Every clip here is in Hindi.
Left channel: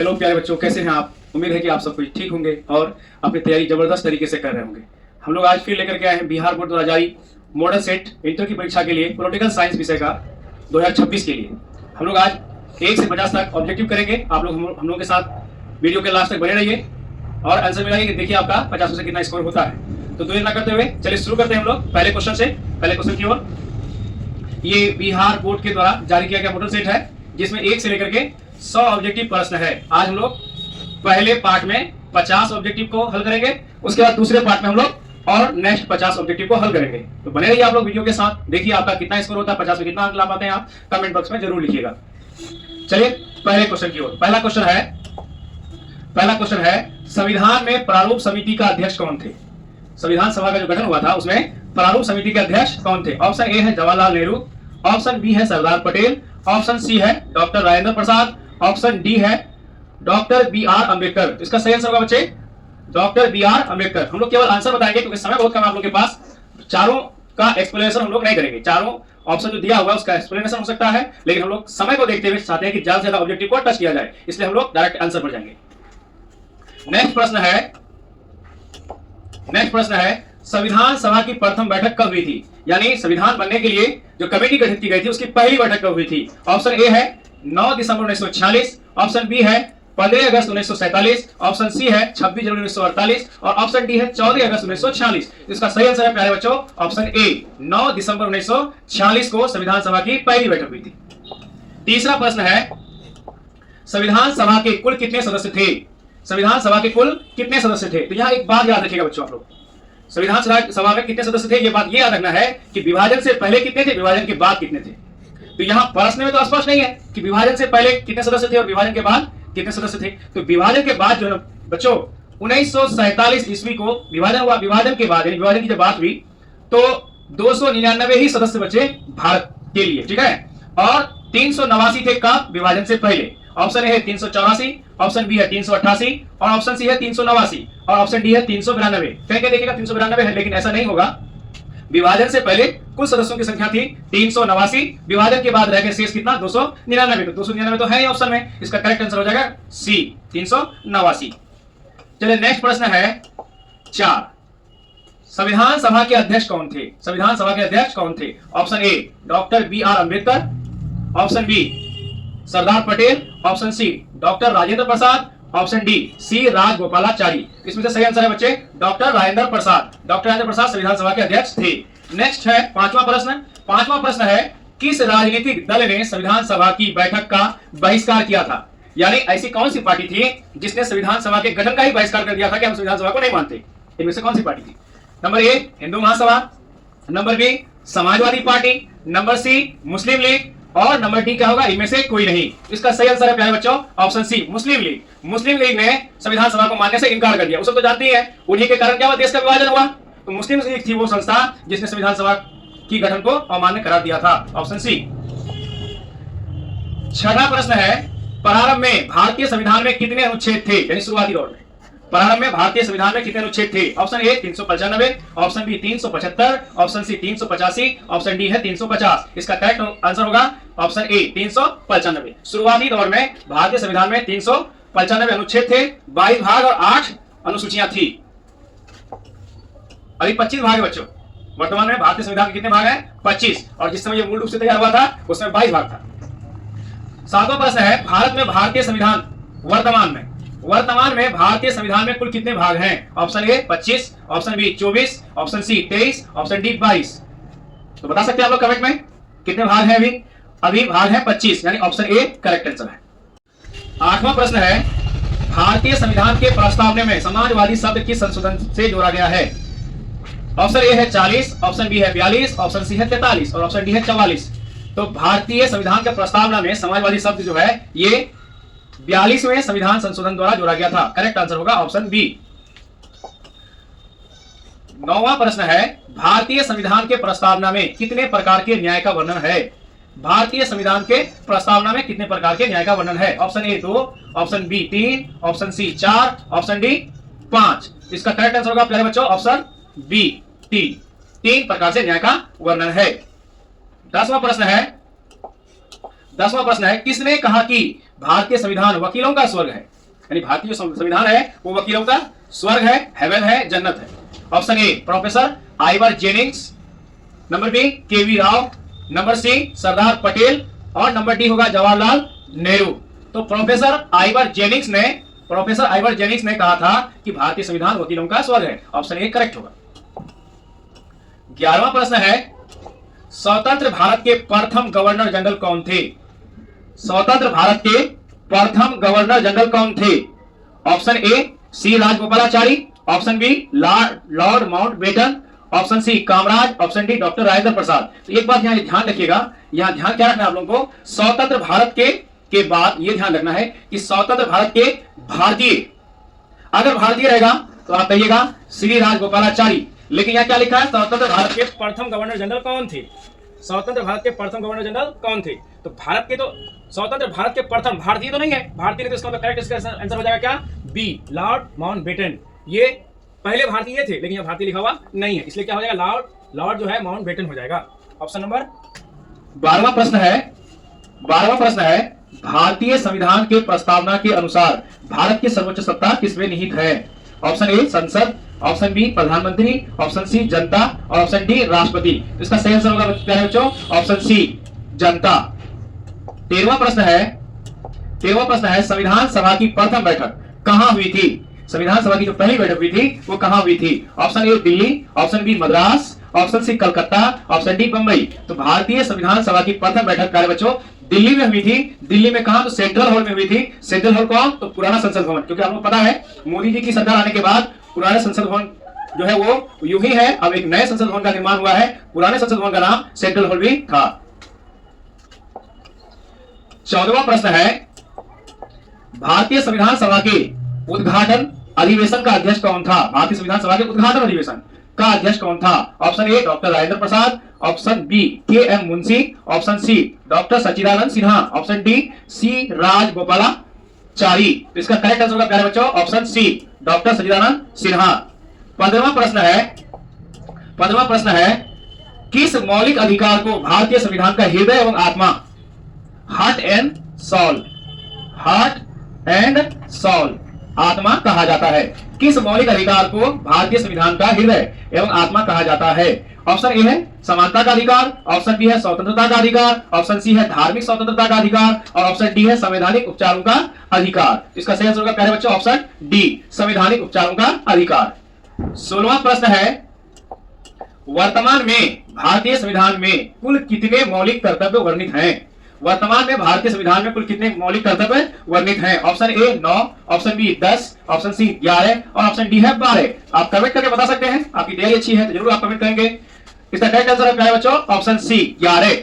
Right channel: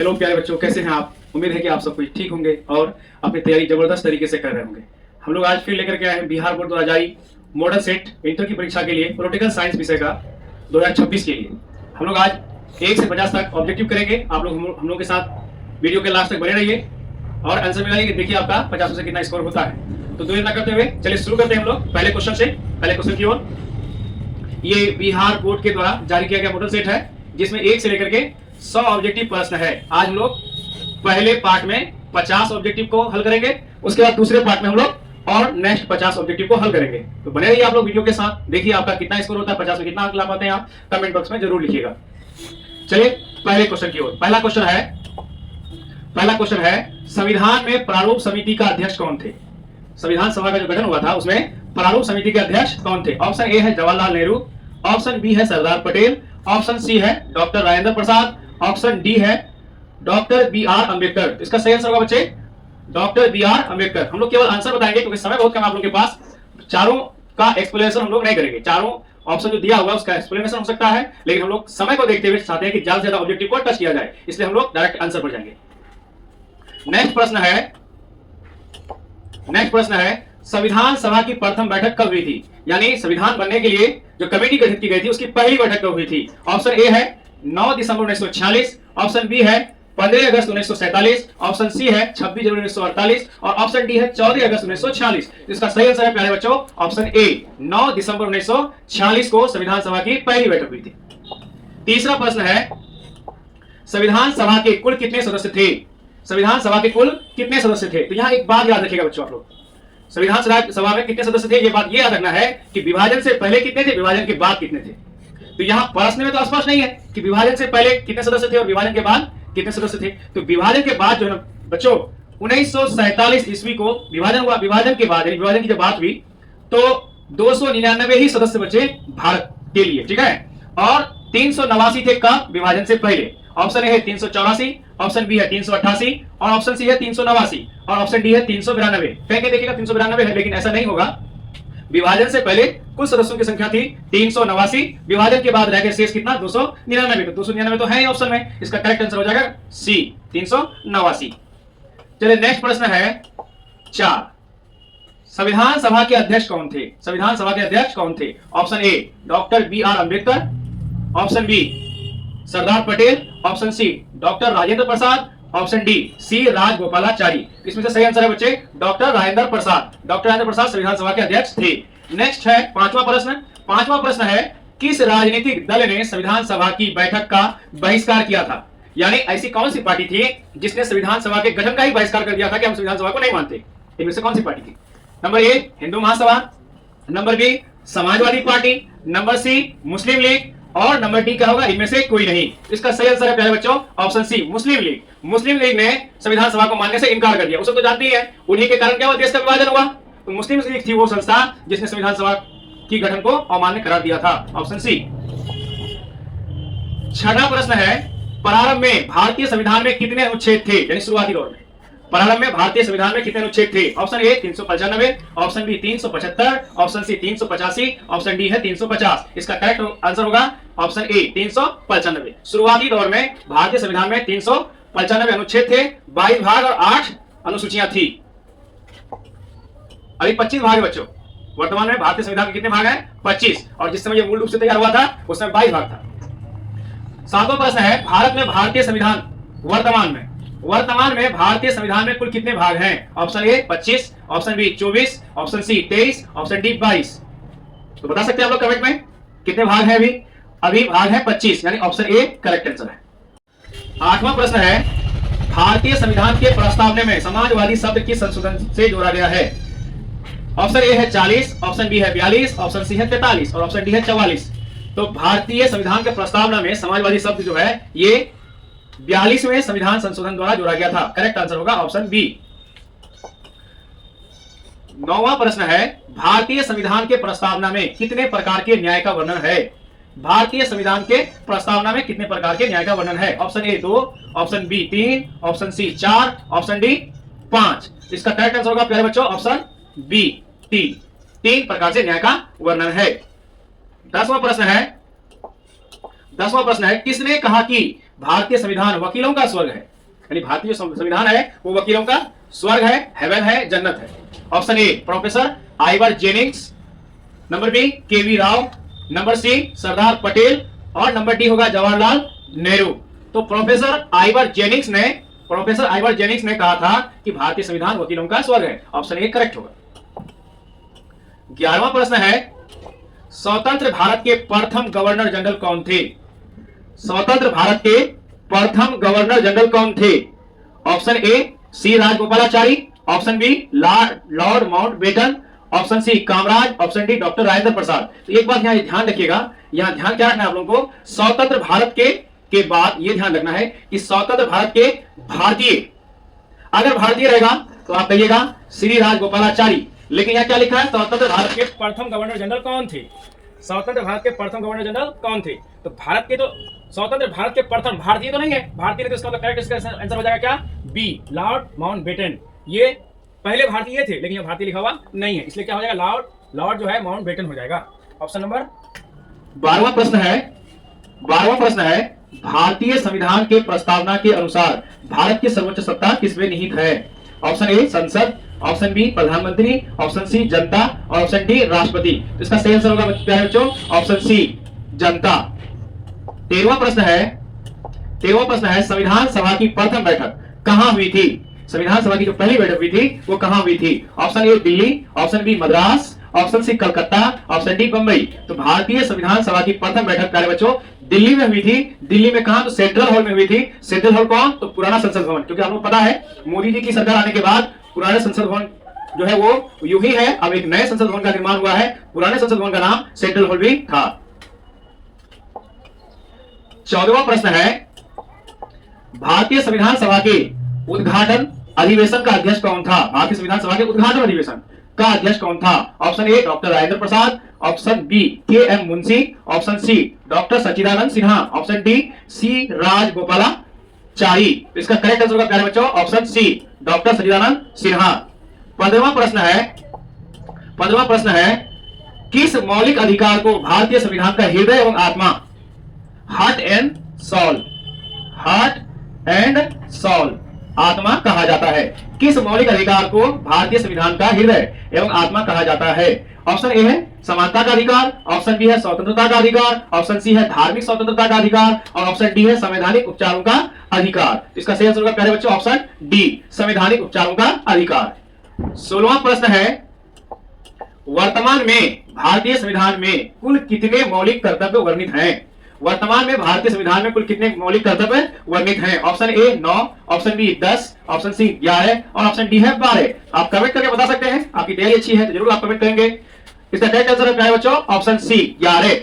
हेलो प्यारे बच्चों, कैसे हैं आप? उम्मीद है कि आप सब कुछ ठीक होंगे और अपनी तैयारी जबरदस्त तरीके से कर रहे होंगे। हम लोग आज फिर लेकर के आए हैं बिहार बोर्ड द्वारा जारी मॉडल सेट इंटर की परीक्षा के लिए पॉलिटिकल साइंस विषय का 2026 के लिए। हम लोग आज 1 से 50 तक ऑब्जेक्टिव करेंगे। आप लोग हम लोग के साथ वीडियो के लास्ट तक बने रहिए और आंसर मिलाइए कि देखिए आपका 50 से कितना स्कोर होता है। तो देर ना करते हुए चलिए शुरू करते हैं हम लोग पहले क्वेश्चन से। पहले क्वेश्चन की ओर, ये बिहार बोर्ड के द्वारा जारी किया गया मॉडल सेट है जिसमें 1 से लेकर के 100 ऑब्जेक्टिव प्रश्न है। आज हम लोग पहले पार्ट में 50 ऑब्जेक्टिव को हल करेंगे, उसके बाद दूसरे पार्ट में हम लोग और नेक्स्ट 50 ऑब्जेक्टिव को हल करेंगे। तो बने रहिए आप लोग वीडियो के साथ, देखिए आपका कितना स्कोर होता है, 50 में कितना अंक ला पाते हैं आप, कमेंट बॉक्स में जरूर लिखिएगा। चलिए पहले क्वेश्चन की ओर। पहला क्वेश्चन है संविधान में प्रारूप समिति का अध्यक्ष कौन थे? संविधान सभा का जो गठन हुआ था उसमें प्रारूप समिति के अध्यक्ष कौन थे? ऑप्शन ए है जवाहरलाल नेहरू, ऑप्शन बी है सरदार पटेल, ऑप्शन सी है doctor Rajendra Prasad, option D है डॉक्टर बी आर अम्बेडकर। इसका सही आंसर होगा बच्चे डॉक्टर बी आर अम्बेडकर। हम लोग केवल आंसर बताएंगे क्योंकि समय बहुत कम आप लोग के पास। चारों का एक्सप्लेनेशन हम लोग नहीं करेंगे, चारों ऑप्शन जो दिया हुआ उसका एक्सप्लेनेशन हो सकता है, लेकिन हम लोग समय को देखते हुए चाहते हैं कि ज्यादा से ज्यादा ऑब्जेक्टिव को टच किया जाए, इसलिए हम लोग डायरेक्ट आंसर पर जाएंगे। नेक्स्ट प्रश्न है संविधान सभा की प्रथम बैठक कब हुई थी? यानी संविधान बनने के लिए जो कमेटी गठित की गई थी उसकी पहली बैठक कब हुई थी? ऑप्शन ए है 9 दिसंबर 1946, ऑप्शन बी है 15 अगस्त 1947, ऑप्शन सी है 26 जनवरी 1948 और ऑप्शन डी है 14 अगस्त 1946। इसका सही आंसर है प्यारे बच्चों ऑप्शन ए 9 दिसंबर 1946 को संविधान सभा की पहली बैठक हुई थी। तीसरा प्रश्न है संविधान सभा के कुल कितने सदस्य थे? संविधान सभा के कुल कितने सदस्य थे? तो यहाँ एक बात याद रखिएगा बच्चों, आप लोग संविधान सभा में कितने सदस्य थे ये बात ये याद रखना है कि विभाजन से पहले कितने थे, विभाजन के बाद कितने थे। तो यहाँ प्रश्न में तो स्पष्ट नहीं है कि विभाजन से पहले कितने सदस्य थे और विभाजन के बाद कितने सदस्य थे। तो विभाजन के बाद जो है बच्चों 1947 ईस्वी को विभाजन हुआ। विभाजन के बाद विभाजन की जब बात हुई तो 299 ही सदस्य बचे भारत के लिए, ठीक है, और 389 थे कब? विभाजन से पहले। ऑप्शन ए है 384, ऑप्शन बी है 388 और ऑप्शन सी है 389 और ऑप्शन डी है 392। कह के देखिएगा 392 है, लेकिन ऐसा नहीं होगा। विभाजन से पहले कुल सदस्यों की संख्या थी 389, विभाजन के बाद रह गए शेष कितना? 299। तो 299 तो है ही ऑप्शन में, इसका करेक्ट आंसर हो जाएगा सी 389। चलिए नेक्स्ट प्रश्न है 4, संविधान सभा के अध्यक्ष कौन थे? संविधान सभा के अध्यक्ष कौन थे? Option A doctor B R Ambedkar, option B Sardar Patel, option C doctor Rajendra Prasad, option D C Rajagopalachari. इसमें से सही आंसर है बच्चे डॉक्टर राजेंद्र प्रसाद। डॉक्टर राजेंद्र प्रसाद संविधान सभा के अध्यक्ष थे। नेक्स्ट है पांचवा प्रश्न है किस राजनीतिक दल ने संविधान सभा की बैठक का बहिष्कार किया था? यानी ऐसी कौन सी पार्टी थी जिसने संविधान सभा के गठन का ही बहिष्कार कर दिया था कि हम संविधान सभा को नहीं मानते? इनमें से कौन सी पार्टी थी? Number A Hindu Mahasabha, number B Samajwadi party, number C Muslim League और नंबर डी क्या होगा? इनमें से कोई नहीं। इसका सही आंसर है प्यारे बच्चों ऑप्शन सी मुस्लिम लीग। मुस्लिम लीग ने संविधान सभा को मानने से इनकार कर दिया। उसे तो जानती है, उन्हीं के कारण क्या हुआ? देश का विभाजन हुआ। तो मुस्लिम लीग थी वो संस्था जिसने संविधान सभा की गठन को अमान्य करार दिया था, ऑप्शन सी। छठा प्रश्न है प्रारंभ में भारतीय संविधान में कितने अनुच्छेद थे? यानी शुरुआती दौर में प्रारंभ में भारतीय संविधान में कितने अनुच्छेद थे? Option A 395, option B 375, option C 385, option D है 350। इसका करेक्ट आंसर होगा ऑप्शन ए 395। शुरुआती दौर में भारतीय संविधान में 395 अनुच्छेद थे, 22 भाग और 8 अनुसूचियां थी। अभी 25 भाग है बच्चों। वर्तमान में भारतीय संविधान के कितने भाग हैं? 25, और जिस समय ये मूल रूप से तैयार हुआ था उस समय 22 भाग था। सातवां प्रश्न है भारत में भारतीय संविधान वर्तमान में भारतीय संविधान में कुल कितने भाग हैं? Option A 25, option B 24, option C 23, option D 22। तो बता सकते हैं आप लोग कमेंट में कितने भाग हैं? अभी भाग है 25, यानी ऑप्शन ए करेक्ट आंसर है। आठवां प्रश्न है भारतीय संविधान के प्रस्तावना में समाजवादी शब्द किस संशोधन से जोड़ा गया है? ऑप्शन ए है 40, ऑप्शन बी है 42, ऑप्शन सी है 43 और ऑप्शन डी है 44। तो भारतीय संविधान के प्रस्तावना में समाजवादी शब्द जो है ये 42वें संविधान संशोधन द्वारा जोड़ा गया था। करेक्ट आंसर होगा ऑप्शन बी। 9वां प्रश्न है भारतीय संविधान के प्रस्तावना में कितने प्रकार के न्याय का वर्णन है? भारतीय संविधान के प्रस्तावना में कितने प्रकार के न्याय का वर्णन है? Option A 2, option B 3, option C 4, option D 5। इसका करेक्ट आंसर होगा प्यारे बच्चों ऑप्शन बी 3 प्रकार से न्याय का वर्णन है। 10वां प्रश्न है किसने कहा कि भारतीय संविधान वकीलों का स्वर्ग है, यानी भारतीय संविधान है वो वकीलों का स्वर्ग है, हेवन है, जन्नत है। Option A professor Ivor Jennings, number B KV Rao, number C Sardar Patel और नंबर डी होगा जवाहरलाल नेहरू। तो प्रोफेसर आइवर जेनिंग्स ने कहा था कि भारतीय संविधान वकीलों का स्वर्ग है। ऑप्शन ए करेक्ट होगा। 11वां प्रश्न है, स्वतंत्र भारत के प्रथम गवर्नर जनरल कौन थे? स्वतंत्र भारत के प्रथम गवर्नर जनरल कौन थे? Option A C Rajagopalachari, option B Lord Mountbatten, option C Kamaraj, option D doctor Rajendra Prasad. तो एक बात यहां ध्यान रखिएगा, यहां ध्यान क्या रखना है आप लोगों को, स्वतंत्र भारत के बाद ये ध्यान रखना है कि स्वतंत्र भारत के भारतीय, अगर भारतीय रहेगा तो आप कहिएगा श्री राजगोपालाचारी, लेकिन यहां क्या लिखा है, स्वतंत्र भारत के प्रथम गवर्नर जनरल कौन थे? स्वतंत्र भारत के प्रथम गवर्नर जनरल कौन थे? तो भारत के, तो स्वतंत्र भारत के प्रथम भारतीय तो नहीं है, भारतीय नहीं, तो इसका करेक्ट इसका आंसर हो जाएगा क्या, बी लॉर्ड माउंटबेटन। ये पहले भारतीय थे लेकिन यहां भारतीय लिखा हुआ नहीं है, इसलिए क्या हो जाएगा, लॉर्ड जो है माउंटबेटन हो जाएगा। ऑप्शन नंबर 12वां प्रश्न है, भारतीय संविधान के प्रस्तावना के अनुसार भारत की सर्वोच्च सत्ता किसमें निहित है? ऑप्शन ए संसद, ऑप्शन बी प्रधानमंत्री, ऑप्शन सी जनता और ऑप्शन डी राष्ट्रपति। इसका सही आंसर होगा बच्चों ऑप्शन सी जनता। 13वां प्रश्न है, संविधान सभा की प्रथम बैठक कहां हुई थी? संविधान सभा की जो पहली बैठक हुई थी वो कहां हुई थी? Option A Delhi, option B Madras, option C Calcutta, option D Bombay. तो भारतीय संविधान सभा की प्रथम बैठक प्यारे बच्चों दिल्ली में हुई थी। दिल्ली में कहां? तो सेंट्रल हॉल में हुई थी। सेंट्रल हॉल कौन? तो पुराना संसद भवन, क्योंकि आपको पता है मोदी जी की सरकार आने के बाद पुराने संसद भवन जो है वो यूं ही है, अब एक नए संसद भवन का निर्माण हुआ है। पुराने संसद भवन का नाम सेंट्रल हॉल भी था। 14वां प्रश्न है, भारतीय संविधान सभा के उद्घाटन अधिवेशन का अध्यक्ष कौन था? भारतीय संविधान सभा के उद्घाटन अधिवेशन का अध्यक्ष कौन था? Option A doctor Rajendra Prasad, option B K M Munshi, option C doctor Sachchidanand Sinha, option D C Rajagopalachari. इसका करेक्ट आंसर होगा प्यारे बच्चों option C doctor Sachchidanand Sinha. 15वां प्रश्न है, किस मौलिक अधिकार को भारतीय संविधान का हृदय एवं आत्मा, हार्ट एंड सॉल आत्मा कहा जाता है? किस मौलिक अधिकार को भारतीय संविधान का हृदय एवं आत्मा कहा जाता है? ऑप्शन ए है समानता का अधिकार, ऑप्शन बी है स्वतंत्रता का अधिकार, ऑप्शन सी है धार्मिक स्वतंत्रता का अधिकार और ऑप्शन डी है संवैधानिक उपचारों का अधिकार। इसका सही आंसर होगा प्यारे बच्चों ऑप्शन डी संवैधानिक उपचारों का अधिकार। 16वां प्रश्न है, वर्तमान में भारतीय संविधान में कुल कितने मौलिक कर्तव्य वर्णित हैं? वर्तमान में भारतीय संविधान में कुल कितने मौलिक कर्तव्य वर्णित हैं? Option A 9, option B 10, option C 11 और ऑप्शन डी है 12। आप कमेंट करके बता सकते हैं, आपकी तैयारी अच्छी है तो जरूर आप कमेंट करेंगे। इसका करेक्ट आंसर है प्यारे बच्चों ऑप्शन सी 11।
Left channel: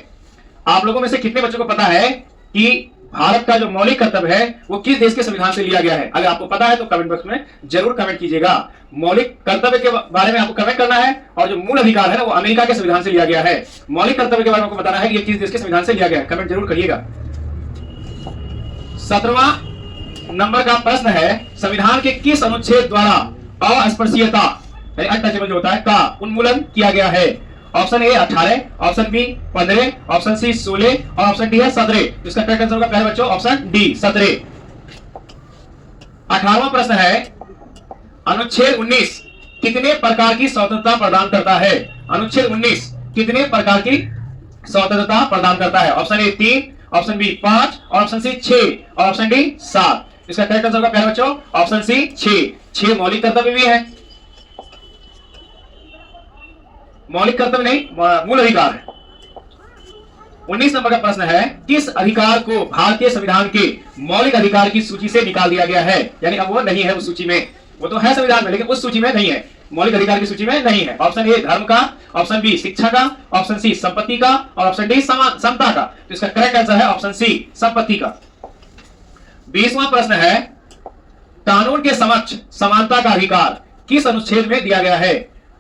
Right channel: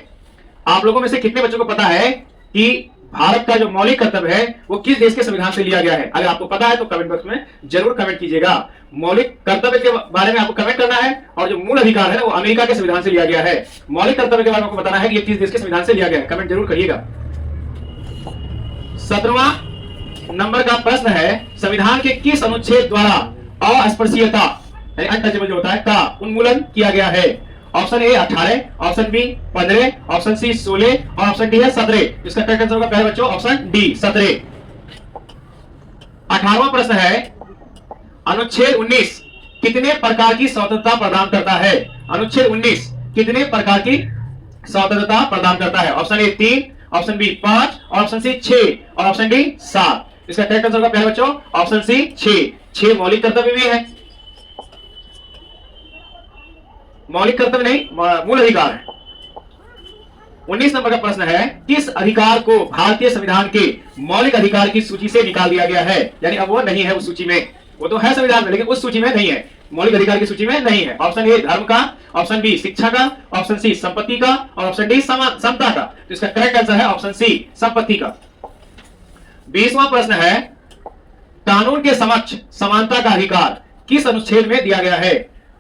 आप लोगों में से कितने बच्चों को पता है कि भारत का जो मौलिक कर्तव्य है वो किस देश के संविधान से लिया गया है? अगर आपको पता है तो कमेंट बॉक्स में जरूर कमेंट कीजिएगा। मौलिक कर्तव्य के बारे में आपको कमेंट करना है और जो मूल अधिकार है वो अमेरिका के संविधान से लिया गया है। मौलिक कर्तव्य के बारे में आपको बताना है कि ये किस देश के संविधान से लिया गया है, कमेंट जरूर करिएगा। 17वां नंबर का प्रश्न है, संविधान के किस अनुच्छेद द्वारा अस्पृश्यता अनटचेबल जो होता है का उन्मूलन किया गया है? Option A 18, option B 15, option C 16 और ऑप्शन डी है 17। इसका करेक्ट आंसर होगा प्यारे बच्चों ऑप्शन डी 17। 18वां प्रश्न है, अनुच्छेद 19 कितने प्रकार की स्वतंत्रता प्रदान करता है? अनुच्छेद 19 कितने प्रकार की स्वतंत्रता प्रदान करता है? ऑप्शन ए 3, ऑप्शन बी 5 और ऑप्शन सी 6 और ऑप्शन डी 7। इसका करेक्ट आंसर होगा प्यारे बच्चों ऑप्शन सी 6 मौलिक कर्तव्य भी है, मौलिक कर्तव्य नहीं मूल अधिकार है। 19 नंबर का प्रश्न है, किस अधिकार को भारतीय संविधान के मौलिक अधिकार की सूची से निकाल दिया गया है? यानी अब वो नहीं है उस सूची में, वो तो है संविधान में लेकिन उस सूची में नहीं है, मौलिक अधिकार की सूची में नहीं है। ऑप्शन ए धर्म का, ऑप्शन बी शिक्षा का, ऑप्शन सी संपत्ति का और ऑप्शन डी समता का। तो इसका करेक्ट आंसर है ऑप्शन सी संपत्ति का। 20वां प्रश्न है, कानून के समक्ष समानता का अधिकार किस अनुच्छेद में दिया गया है?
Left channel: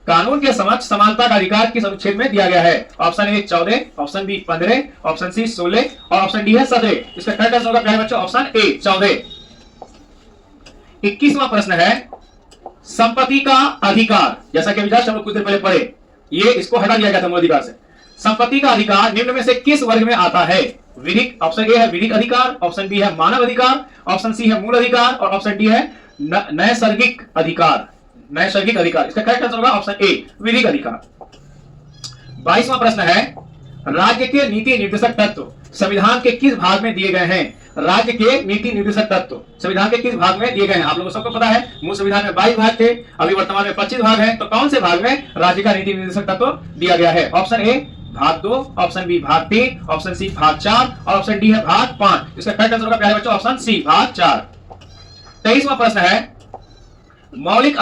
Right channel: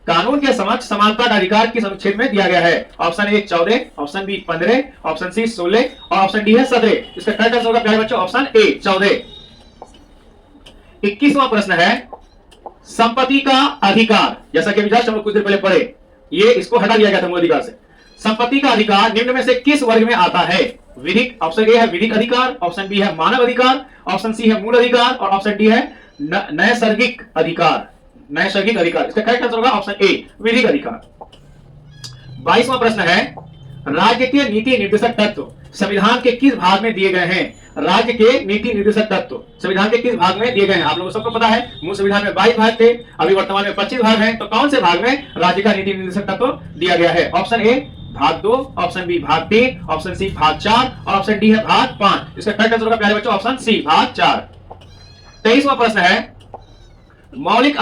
कानून के समक्ष समानता का अधिकार किस अनुच्छेद में दिया गया है? Option A 14, option B 15, option C 16 और ऑप्शन डी है 17। इसका करेक्ट आंसर होगा प्यारे बच्चों ऑप्शन ए 14। 21वां प्रश्न है, संपत्ति का अधिकार, जैसा कि विचार हम कुछ देर पहले पढ़े, ये इसको हटा दिया गया था मूल अधिकार से। संपत्ति का अधिकार निम्न में से किस वर्ग में आता है? विधिक, ऑप्शन ए है विधिक अधिकार, ऑप्शन बी है मानव अधिकार, ऑप्शन सी है मूल अधिकार और ऑप्शन डी है नैसर्गिक अधिकार। नैसर्गिक अधिकार, इसका करेक्ट आंसर होगा ऑप्शन ए विधिक अधिकार। 22वां प्रश्न है राज्य के नीति निर्देशक तत्व संविधान के किस भाग में दिए गए हैं? राज्य के नीति निर्देशक तत्व संविधान के किस भाग में दिए गए हैं? आप लोगों को सबको पता है मूल संविधान में 22 भाग थे, अभी वर्तमान में 25 भाग हैं, तो कौन से भाग में राज्य का नीति निर्देशक तत्व दिया गया है? ऑप्शन ए भाग 2, ऑप्शन बी भाग 3, ऑप्शन सी भाग 4 और ऑप्शन डी है भाग 5। इसका करेक्ट आंसर होगा प्यारे बच्चों ऑप्शन सी भाग 4। 23वां प्रश्न है मौलिक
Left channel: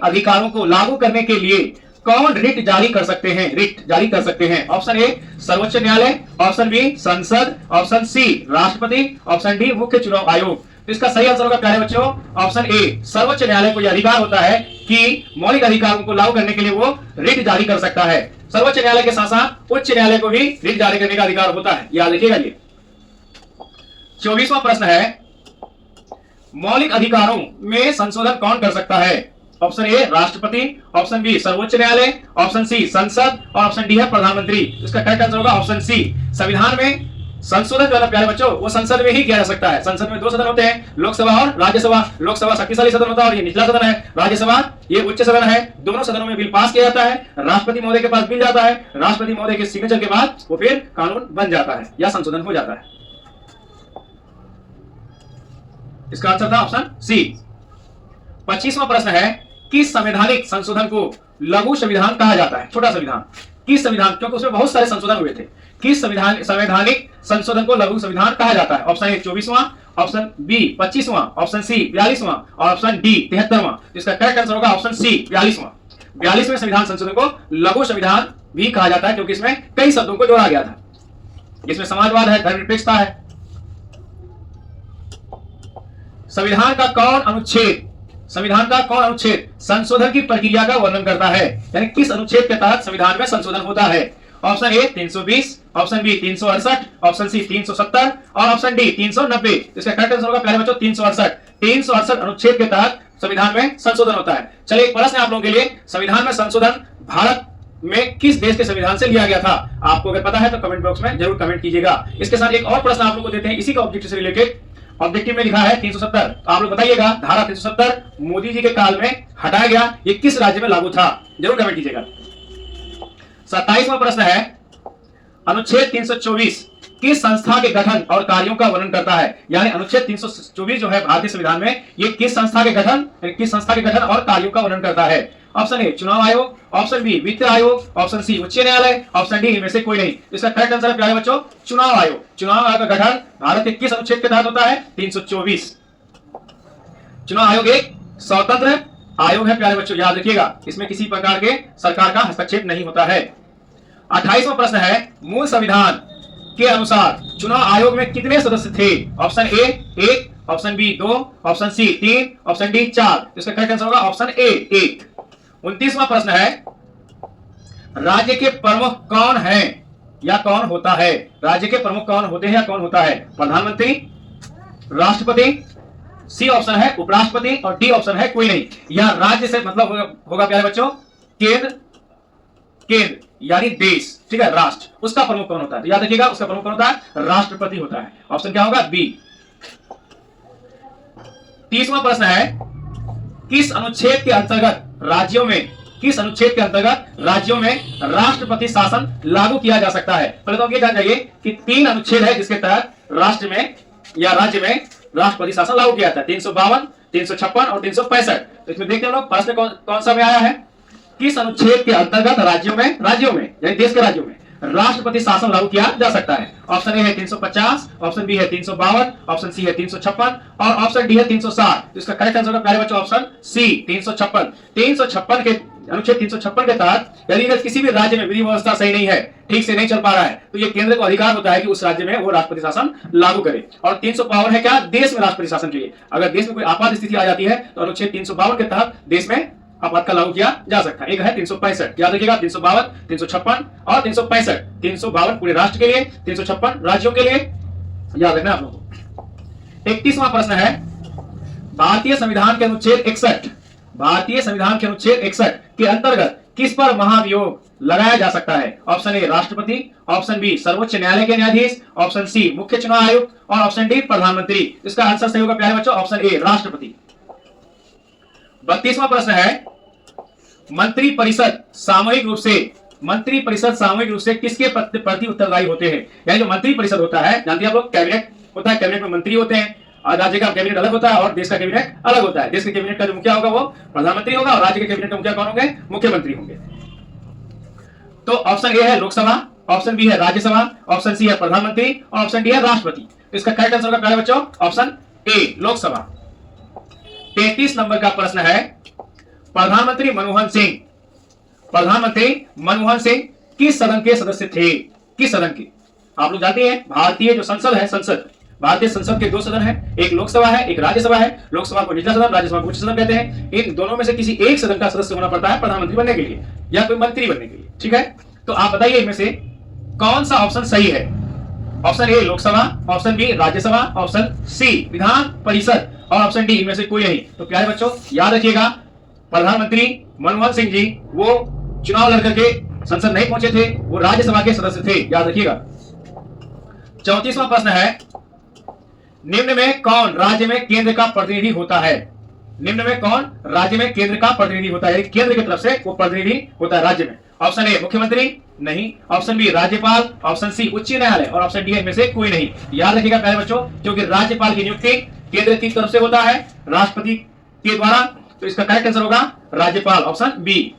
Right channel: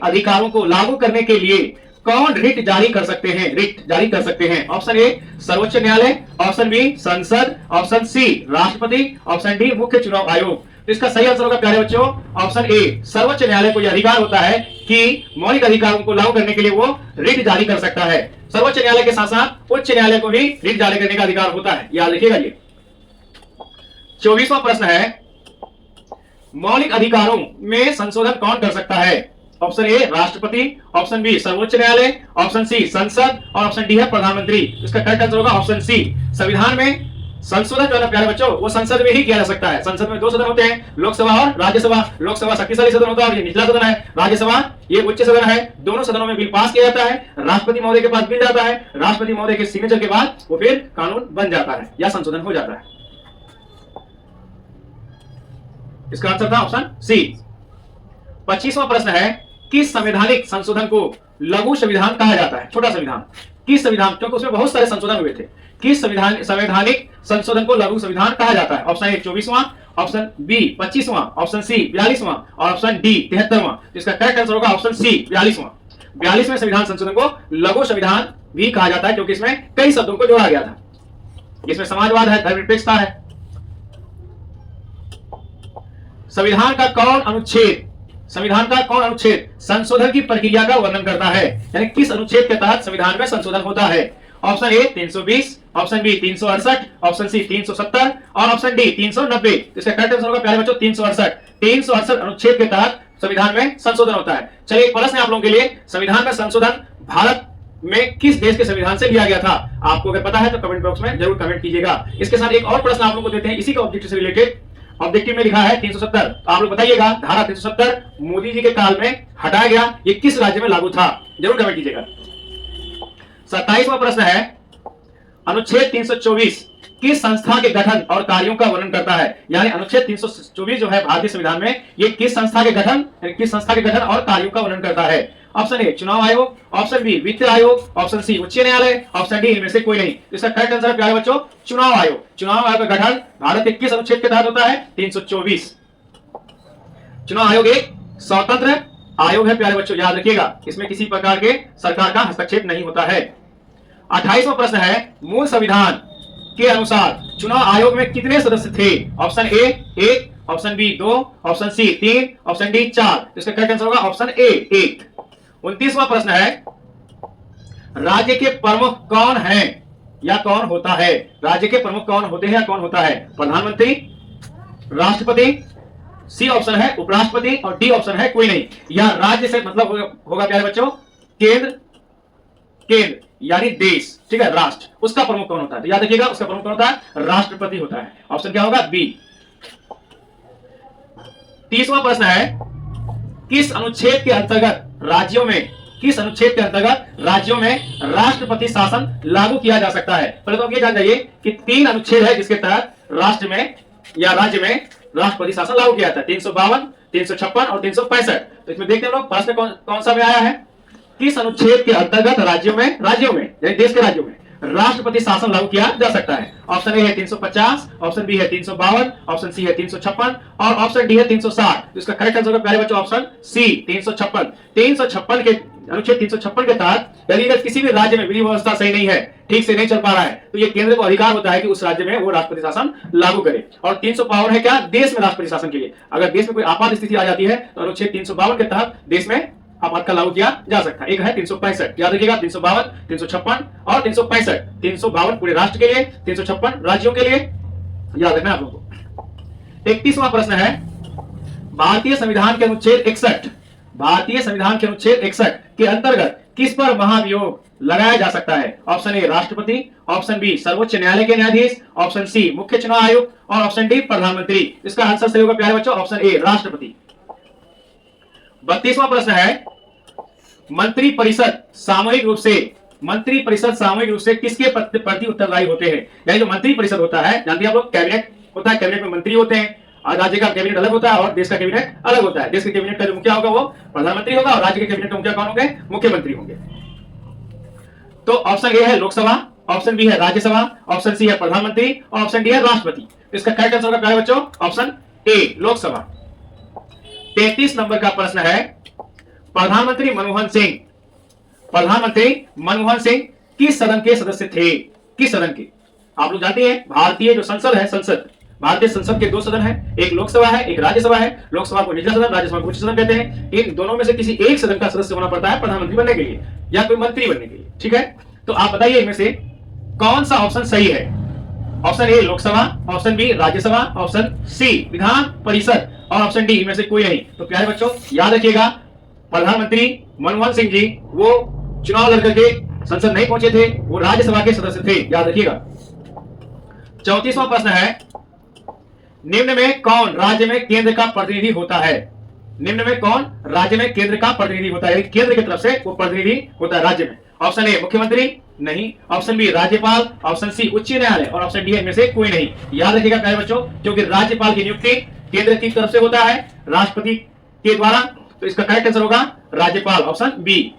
अधिकारों को लागू करने के लिए कौन रिट जारी कर सकते हैं? रिट जारी कर सकते हैं। ऑप्शन ए सर्वोच्च न्यायालय, ऑप्शन बी संसद, ऑप्शन सी राष्ट्रपति, ऑप्शन डी मुख्य चुनाव आयोग। तो इसका सही आंसर होगा प्यारे बच्चों ऑप्शन ए सर्वोच्च न्यायालय को यह अधिकार होता है कि मौलिक अधिकारों को लागू करने के लिए वो रिट जारी कर सकता है। सर्वोच्च न्यायालय के साथ साथ उच्च न्यायालय को भी रिट जारी करने का अधिकार होता है, याद रखिएगा ये। 24वां प्रश्न है मौलिक अधिकारों में संशोधन कौन कर सकता है? ऑप्शन ए राष्ट्रपति, ऑप्शन बी सर्वोच्च न्यायालय, ऑप्शन सी संसद और ऑप्शन डी है प्रधानमंत्री। इसका करेक्ट आंसर होगा ऑप्शन सी। संविधान में संशोधन जो है प्यारे बच्चों वो संसद में ही किया जा सकता है। संसद में 2 सदन होते हैं, लोकसभा और राज्यसभा। लोकसभा शक्तिशाली सदन होता है और ये निचला सदन है, राज्यसभा ये उच्च सदन है। दोनों सदनों में बिल पास किया जाता है, राष्ट्रपति महोदय के पास बिल जाता है, राष्ट्रपति महोदय के सिग्नेचर के बाद वो फिर कानून बन जाता है या संशोधन हो जाता है। इसका आंसर था ऑप्शन सी। 25वां प्रश्न है किस संवैधानिक संशोधन को लघु संविधान कहा जाता है? छोटा संविधान। किस संविधान, क्योंकि उसमें बहुत सारे संशोधन हुए थे, किस संवैधानिक संशोधन को लघु संविधान कहा जाता है? ऑप्शन ए 24वां, ऑप्शन बी 25वां, ऑप्शन सी 42वां और ऑप्शन डी 73वां। इसका करेक्ट आंसर होगा ऑप्शन सी 42वां। 42वें संविधान संशोधन को लघु संविधान भी कहा जाता है क्योंकि इसमें कई शब्दों को जोड़ा गया था। इसमें समाजवाद है, धर्मनिरपेक्षता है। संविधान का कौन अनुच्छेद संशोधन की प्रक्रिया का वर्णन करता है? यानी किस अनुच्छेद के तहत संविधान में संशोधन होता है? Option A 320, option B 368, option C 370 और ऑप्शन डी 390। इसका करेक्ट आंसर होगा प्यारे बच्चों 368। 368 अनुच्छेद के तहत संविधान में संशोधन होता है। चलिए एक प्रश्न है आप लोगों के लिए, संविधान में संशोधन भारत में किस देश के संविधान से लिया गया था? आपको अगर पता है तो कमेंट बॉक्स में जरूर कमेंट कीजिएगा। इसके साथ एक और प्रश्न आप लोगों को देते हैं इसी का ऑब्जेक्टिव से रिलेटेड। ऑब्जेक्टिव में लिखा है 370, आप लोग बताइएगा धारा 370 मोदी जी के काल में हटाया गया, ये किस राज्य में लागू था? जरूर कमेंट कीजिएगा। 27वां प्रश्न है अनुच्छेद 324 किस संस्था के गठन और कार्यों का वर्णन करता है? यानी अनुच्छेद 324 जो है भारतीय संविधान में ये किस संस्था के गठन और कार्यों का वर्णन करता है? ऑप्शन ए चुनाव आयोग, ऑप्शन बी वित्त आयोग, ऑप्शन सी उच्च न्यायालय, ऑप्शन डी इनमें से कोई नहीं। इसका करेक्ट आंसर है प्यारे बच्चों चुनाव आयोग। चुनाव आयोग का गठन भारत के किस अनुच्छेद के तहत होता है? 324। चुनाव आयोग एक स्वतंत्र आयोग है प्यारे बच्चों, याद रखिएगा, इसमें किसी प्रकार के सरकार का हस्तक्षेप नहीं होता है। 28वां प्रश्न है मूल संविधान के अनुसार चुनाव आयोग में कितने सदस्य थे? Option A 1, option B 2, option C 3, option D 4। इसका करेक्ट आंसर होगा ऑप्शन ए 1। 29वां प्रश्न है राज्य के प्रमुख कौन है या कौन होता है? राज्य के प्रमुख कौन होते हैं या कौन होता है? प्रधानमंत्री, राष्ट्रपति, सी ऑप्शन है उपराष्ट्रपति और डी ऑप्शन है कोई नहीं। या राज्य से मतलब होगा प्यारे बच्चों केंद्र यानी देश, ठीक है, राष्ट्र, उसका प्रमुख कौन होता है? तो याद रखिएगा उसका प्रमुख कौन होता है? राष्ट्रपति होता है। ऑप्शन क्या होगा? बी। 30वां प्रश्न है किस अनुच्छेद के अंतर्गत राज्यों में राष्ट्रपति शासन लागू किया जा सकता है? पहले तो ये जान जाइए कि 3 अनुच्छेद है जिसके तहत राष्ट्र में या राज्य में राष्ट्रपति शासन लागू किया जाता है, 352, 356 और 365। तो इसमें देखते हैं लोग प्रश्न कौन सा में आया है? किस अनुच्छेद के अंतर्गत राज्यों में यानी देश के राज्यों में राष्ट्रपति शासन लागू किया जा सकता है? ऑप्शन ए है 350, ऑप्शन बी है 352, ऑप्शन सी है 356 और ऑप्शन डी है 360। तो इसका करेक्ट आंसर होगा प्यारे बच्चों ऑप्शन सी 356। 356 के अनुच्छेद 356 के तहत यदि अगर किसी भी राज्य में विधि व्यवस्था सही नहीं है, ठीक से नहीं चल पा रहा है, तो ये केंद्र को अधिकार होता है कि उस राज्य में वो राष्ट्रपति शासन लागू करे। और 352 है क्या? देश में राष्ट्रपति शासन के लिए। अगर देश में कोई आपात स्थिति आ जाती है तो अनुच्छेद 352 के तहत देश में आपातकाल लागू किया जा सकता है। एक है 365, याद रखिएगा 352, 356 और 365। 352 पूरे राष्ट्र के लिए, 356 राज्यों के लिए, याद रखना आप लोगों को। 31वां प्रश्न है भारतीय संविधान के अनुच्छेद 61 के अंतर्गत किस पर महाभियोग लगाया जा सकता है? ऑप्शन ए राष्ट्रपति, ऑप्शन बी सर्वोच्च न्यायालय के न्यायाधीश, ऑप्शन सी मुख्य चुनाव आयुक्त और ऑप्शन डी प्रधानमंत्री। इसका आंसर सही होगा प्यारे बच्चों, ऑप्शन ए राष्ट्रपति। 32वां प्रश्न है, मंत्रिपरिषद सामूहिक रूप से किसके प्रति उत्तरदायी होते हैं? यानी जो मंत्रिपरिषद होता है, जानते हैं आप लोग, कैबिनेट होता है, कैबिनेट में मंत्री होते हैं, और राज्य का कैबिनेट अलग होता है और देश का कैबिनेट अलग होता है। देश के कैबिनेट का जो मुखिया होगा वो प्रधानमंत्री होगा और राज्य के कैबिनेट का मुखिया कौन होंगे? मुख्यमंत्री होंगे। तो ऑप्शन ए है लोकसभा, ऑप्शन बी है राज्यसभा, ऑप्शन सी है प्रधानमंत्री और ऑप्शन डी है राष्ट्रपति। तो इसका करेक्ट आंसर होगा प्यारे बच्चों, ऑप्शन ए लोकसभा। 33 नंबर का प्रश्न है, प्रधानमंत्री मनमोहन सिंह किस सदन के सदस्य थे? किस सदन के? आप लोग जानते हैं भारतीय जो संसद है, भारतीय संसद के दो सदन है, एक लोकसभा है, एक राज्यसभा है। लोकसभा को निचला सदन, राज्यसभा को उच्च सदन कहते हैं। इन दोनों में से किसी एक सदन का सदस्य होना पड़ता है प्रधानमंत्री बनने के लिए या कोई मंत्री बनने के लिए, ठीक है। तो आप बताइए इनमें से कौन सा ऑप्शन सही है? Option A Lok Sabha, option B Rajya Sabha, option C Vidhan Parishad और ऑप्शन डी इनमें से कोई नहीं। तो प्यारे बच्चों याद रखिएगा, प्रधानमंत्री मनमोहन सिंह जी वो चुनाव लड़ करके संसद नहीं पहुंचे थे, वो राज्यसभा के सदस्य थे, याद रखिएगा। 34वां प्रश्न है, निम्न में कौन राज्य में केंद्र का प्रतिनिधि होता है? निम्न में कौन राज्य में केंद्र का प्रतिनिधि होता है? केंद्र की तरफ से वो प्रतिनिधि होता है राज्य में। ऑप्शन ए मुख्यमंत्री, नहीं। ऑप्शन बी राज्यपाल, ऑप्शन सी उच्च न्यायालय और ऑप्शन डी इनमें से कोई नहीं। याद रखिएगा प्यारे बच्चों, क्योंकि राज्यपाल की नियुक्ति केंद्र की तरफ से होता है राष्ट्रपति के द्वारा। तो इसका करेक्ट आंसर होगा राज्यपाल, ऑप्शन बी।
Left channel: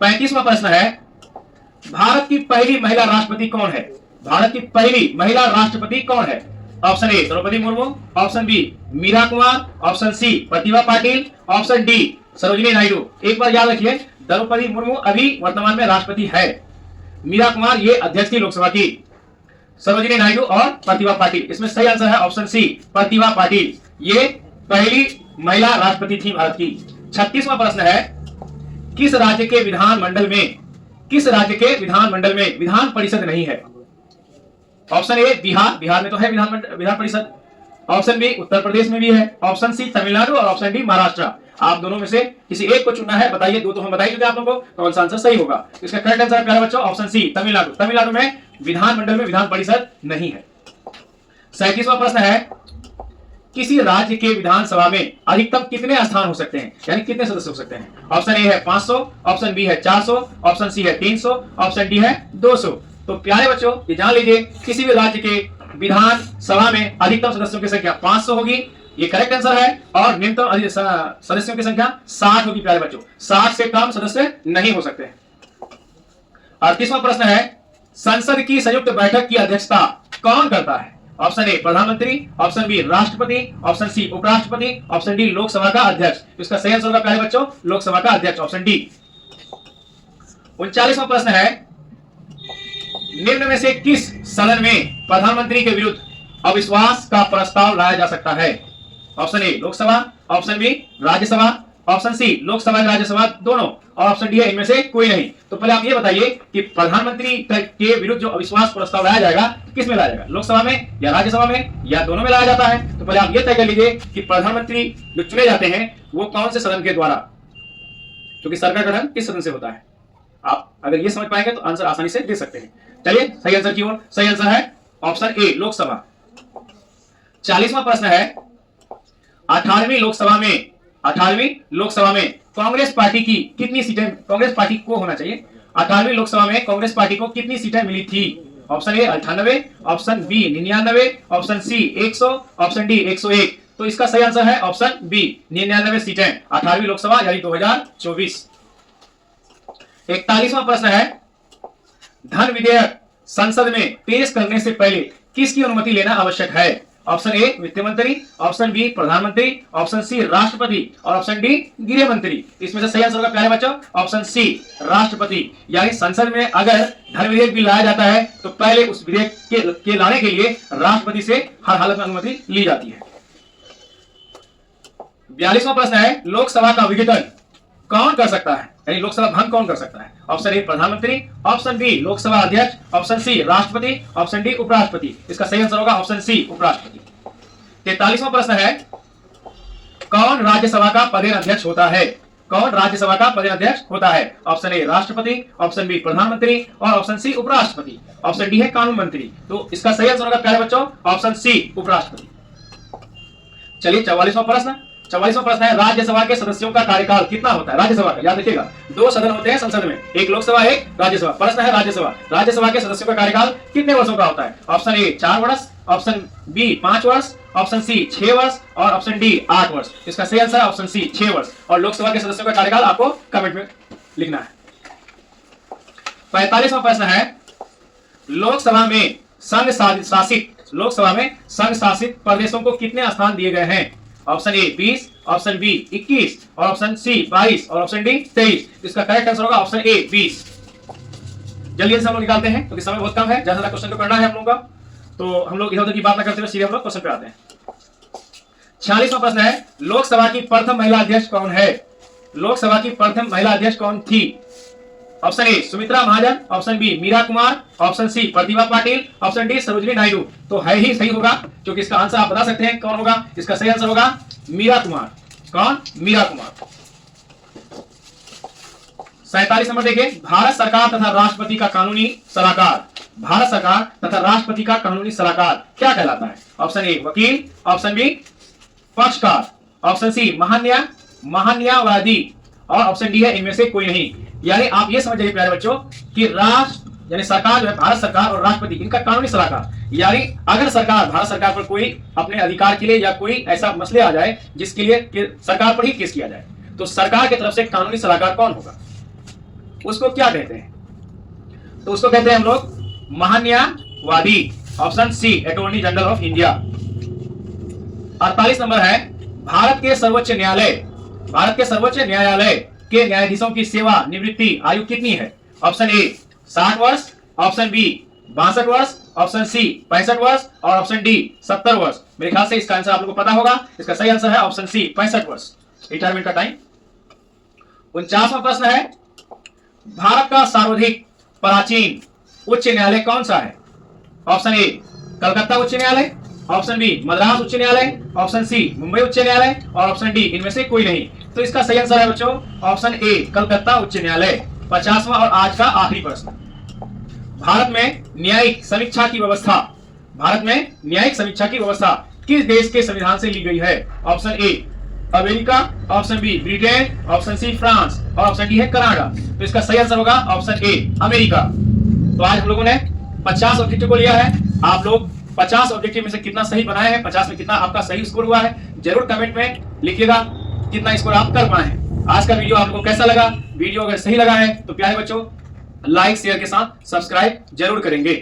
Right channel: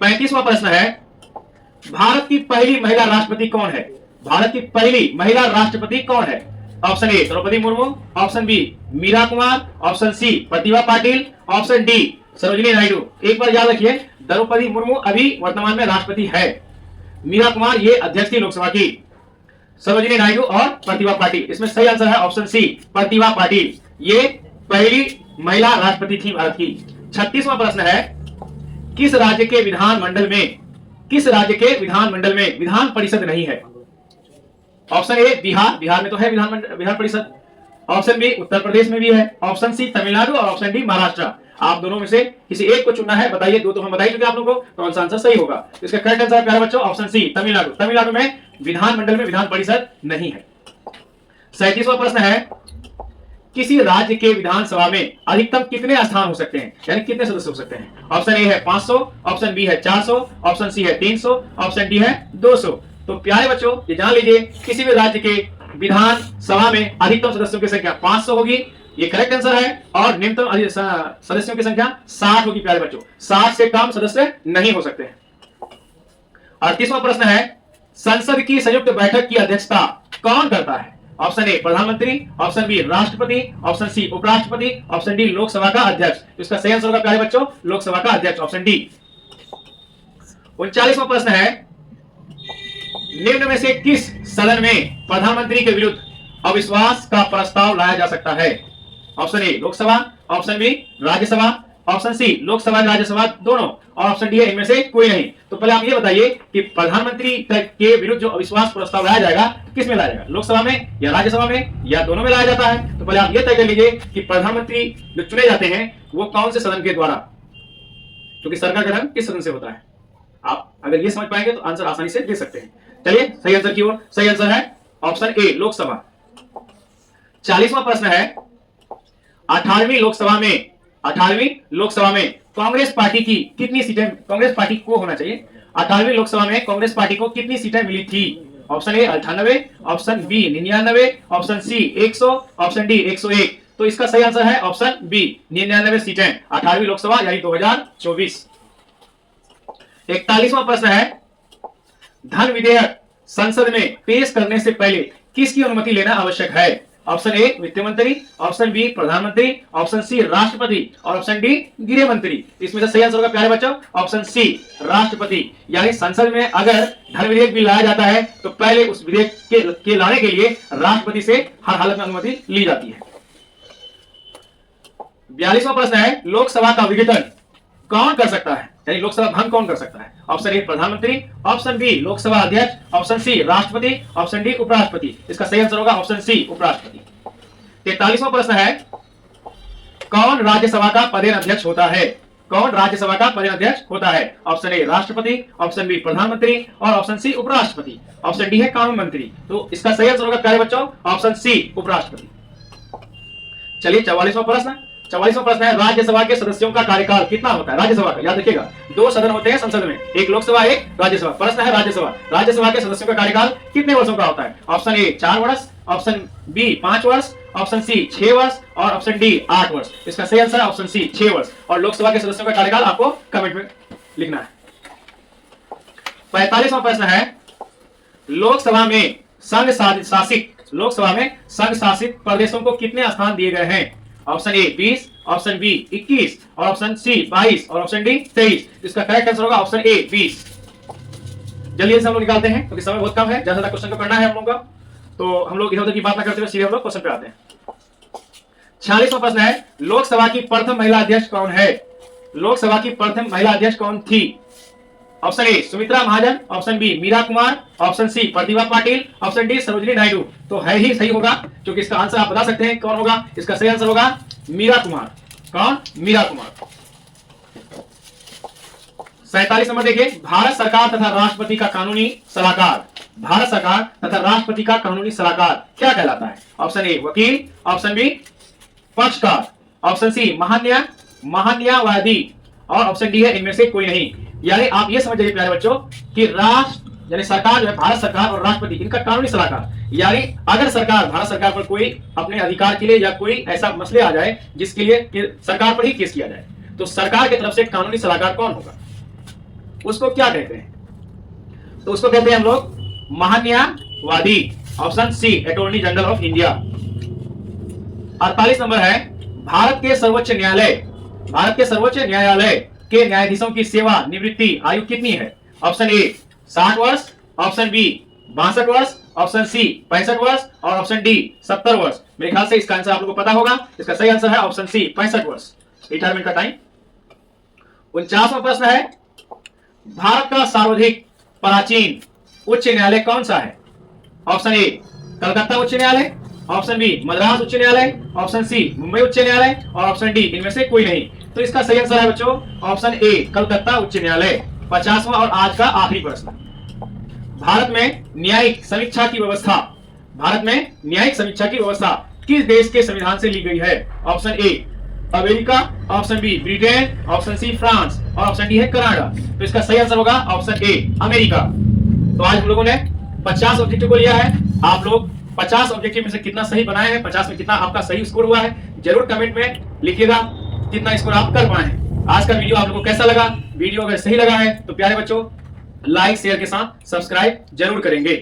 35वां प्रश्न है, भारत की पहली महिला राष्ट्रपति कौन है? भारत की पहली महिला राष्ट्रपति कौन है? Option A Droupadi Murmu, option B Meera Kumar, option C Pratibha Patil, option D Sarojini Naidu. एक बार याद रखिए, द्रौपदी मुर्मू अभी वर्तमान में राष्ट्रपति है, मीरा कुमार ये अध्यक्ष थी लोकसभा की, सरोजिनी नायडू और प्रतिभा पाटिल। इसमें सही आंसर है ऑप्शन सी प्रतिभा पाटिल, ये पहली महिला राष्ट्रपति थी भारत की। 36वां प्रश्न है, किस राज्य के विधानमंडल में विधान परिषद नहीं है? ऑप्शन ए बिहार में तो है विधान परिषद, ऑप्शन बी उत्तर प्रदेश में भी है, ऑप्शन सी तमिलनाडु और ऑप्शन डी महाराष्ट्र। आप दोनों में से किसी एक को चुनना है, बताइए। दो तो हम बताइए क्योंकि आप लोगों को कौन सा आंसर सही होगा। इसका करेक्ट आंसर प्यारे बच्चों ऑप्शन सी तमिलनाडु में विधानमंडल में विधान परिषद नहीं है। 37वां प्रश्न है, किसी राज्य के विधानसभा में अधिकतम कितने स्थान हो सकते हैं, यानी कितने सदस्य हो सकते हैं? ऑप्शन ए है 500, ऑप्शन बी है 400, ऑप्शन सी है 300, ऑप्शन डी है 200। तो प्यारे बच्चों ये जान लीजिए, किसी भी राज्य के विधानसभा में अधिकतम सदस्यों की संख्या 500 होगी, ये करेक्ट आंसर है। और न्यूनतम सदस्यों की संख्या 60 होगी प्यारे बच्चों, 60 से कम सदस्य नहीं हो सकते। 38वां प्रश्न है, संसद की संयुक्त बैठक की अध्यक्षता कौन करता है? ऑप्शन ए प्रधानमंत्री, ऑप्शन बी राष्ट्रपति, ऑप्शन सी उपराष्ट्रपति, ऑप्शन डी लोकसभा का अध्यक्ष। इसका सही आंसर होगा प्यारे बच्चों लोकसभा का अध्यक्ष, ऑप्शन डी। 39वां प्रश्न है, निम्न में से किस सदन में प्रधानमंत्री के विरुद्ध अविश्वास का प्रस्ताव लाया जा सकता है? Option A Lok Sabha, option B Rajya Sabha, option C Lok Sabha Rajya Sabha दोनों और ऑप्शन डी है इनमें से कोई नहीं। तो पहले आप ये बताइए कि प्रधानमंत्री के विरुद्ध जो अविश्वास प्रस्ताव लाया जाएगा किस में लाया जाएगा, लोकसभा में या राज्यसभा में या दोनों में लाया जाता है? तो पहले आप ये तय कर लीजिए कि प्रधानमंत्री जो चुने जाते हैं वो कौन से सदन के द्वारा, क्योंकि सरकार गठन किस सदन से होता है। आप अगर ये समझ पाएंगे तो आंसर आसानी से दे सकते हैं। चलिए सही आंसर की ओर, सही आंसर है ऑप्शन ए लोकसभा। 40वां प्रश्न है, 18वीं लोकसभा में कांग्रेस पार्टी की कितनी सीटें, कांग्रेस पार्टी को होना चाहिए, 18वीं लोकसभा में कांग्रेस पार्टी को कितनी सीटें मिली थी? Option A 98, option B 99, option C 100, option D 101। तो इसका सही आंसर है ऑप्शन बी 99 सीटें 18वीं लोकसभा यानी 2024। 41वां प्रश्न है, धन विधेयक संसद में पेश करने से पहले किसकी अनुमति लेना आवश्यक है? ऑप्शन ए वित्त मंत्री, ऑप्शन बी प्रधानमंत्री, ऑप्शन सी राष्ट्रपति और ऑप्शन डी गृह मंत्री। इसमें से सही आंसर होगा प्यारे बच्चों ऑप्शन सी राष्ट्रपति। यानी संसद में अगर धन विधेयक भी लाया जाता है तो पहले उस विधेयक के लाने के लिए राष्ट्रपति से हर हालत में अनुमति ली जाती है। 42वां प्रश्न है, लोकसभा का विघटन कौन कर सकता है, यानी लोकसभा भंग कौन कर सकता है? ऑप्शन ए प्रधानमंत्री, ऑप्शन बी लोकसभा अध्यक्ष, ऑप्शन सी राष्ट्रपति, ऑप्शन डी उपराष्ट्रपति। इसका सही आंसर होगा ऑप्शन सी उपराष्ट्रपति। 43वां प्रश्न है, कौन राज्यसभा का पदेन अध्यक्ष होता है? कौन राज्यसभा का प्रधानाध्यक्ष होता है? ऑप्शन ए राष्ट्रपति, ऑप्शन बी प्रधानमंत्री और ऑप्शन सी उपराष्ट्रपति, ऑप्शन डी है कानून मंत्री। तो इसका सही आंसर होगा प्यारे बच्चों ऑप्शन सी उपराष्ट्रपति। चलिए 44वां प्रश्न। 44वां प्रश्न है राज्यसभा के सदस्यों का कार्यकाल कितना होता है? राज्यसभा का याद रखिएगा, 2 सदन होते हैं संसद में, एक लोकसभा एक राज्यसभा। प्रश्न है राज्यसभा के सदस्यों का कार्यकाल कितने वर्षों का होता है? ऑप्शन ए 4 वर्ष, ऑप्शन बी 5 वर्ष, ऑप्शन सी 6 वर्ष और ऑप्शन डी 8 वर्ष। इसका सही आंसर है ऑप्शन सी 6 वर्ष। और लोकसभा के सदस्यों का कार्यकाल आपको कमेंट में लिखना है। 45वां प्रश्न है लोकसभा में संघ शासित प्रदेशों को कितने स्थान दिए गए हैं? ऑप्शन ए 20, ऑप्शन बी 21 और ऑप्शन सी 22 और ऑप्शन डी 23। इसका करेक्ट आंसर होगा ऑप्शन ए 20। जल्दी से हम लोग निकालते हैं क्योंकि समय बहुत कम है, ज्यादा क्वेश्चन को करना है हम लोग का, तो हम लोग इधर उधर की बात ना करते हुए सीधे हम लोग क्वेश्चन पे आते हैं। 46वां प्रश्न है लोकसभा की प्रथम महिला अध्यक्ष कौन है? लोकसभा की प्रथम महिला अध्यक्ष कौन थी? Option A Sumitra Mahajan, option B Meera Kumar, option C Pratibha Patil, option D Sarojini Naidu. तो है ही सही होगा क्योंकि इसका आंसर आप बता सकते हैं कौन होगा। इसका सही आंसर होगा मीरा कुमार। कौन? मीरा कुमार। 47 नंबर देखिए भारत सरकार तथा राष्ट्रपति का कानूनी सलाहकार, भारत सरकार तथा राष्ट्रपति का कानूनी सलाहकार क्या कहलाता है? ऑप्शन ए वकील, ऑप्शन बी पक्षकार, ऑप्शन सी महान्यायवादी और ऑप्शन डी है इनमें से कोई नहीं। यानी आप ये समझ जाइए प्यारे बच्चों कि राष्ट्र यानी सरकार जो है भारत सरकार और राष्ट्रपति इनका कानूनी सलाहकार, यानी अगर भारत सरकार पर कोई अपने अधिकार के लिए या कोई ऐसा मसले आ जाए जिसके लिए सरकार पर ही केस किया जाए तो सरकार की तरफ से कानूनी सलाहकार कौन होगा? उसको क्या कहते हैं? तो उसको कहते हैं हम लोग महान्यायवादी। Option C attorney general of India. 48 नंबर है भारत के सर्वोच्च न्यायालय के न्यायाधीशों की सेवा निवृत्ति आयु कितनी है? ऑप्शन ए 60 वर्ष, ऑप्शन बी 62 वर्ष, ऑप्शन सी 65 वर्ष और ऑप्शन डी 70 वर्ष। मेरे ख्याल से इसका आंसर आप लोगों को पता होगा। इसका सही आंसर है ऑप्शन सी 65 वर्ष रिटायरमेंट का टाइम। 49वां प्रश्न है भारत का सर्वाधिक प्राचीन उच्च न्यायालय कौन सा है? ऑप्शन ए कलकत्ता उच्च न्यायालय, ऑप्शन बी मद्रास उच्च न्यायालय, ऑप्शन सी मुंबई उच्च न्यायालय और ऑप्शन डी इनमें से कोई नहीं। तो इसका सही आंसर है बच्चों ऑप्शन ए कलकत्ता उच्च न्यायालय। 50वां और आज का आखिरी प्रश्न भारत में न्यायिक समीक्षा की व्यवस्था किस देश के संविधान से ली गई है? Option A America, option B Britain, option C France और ऑप्शन डी है कनाडा। तो इसका सही आंसर होगा ऑप्शन ए अमेरिका। तो आज हम लोगों ने 50 ऑब्जेक्टिव को लिया है। आप लोग 50 ऑब्जेक्टिव में से कितना सही बनाए हैं, 50 में कितना आपका सही स्कोर हुआ है, जरूर कमेंट में लिखिएगा कितना स्कोर आप कर पाए हैं। आज का वीडियो आप लोगों को कैसा लगा? वीडियो अगर सही लगा है तो प्यारे बच्चों लाइक शेयर के साथ सब्सक्राइब जरूर करेंगे।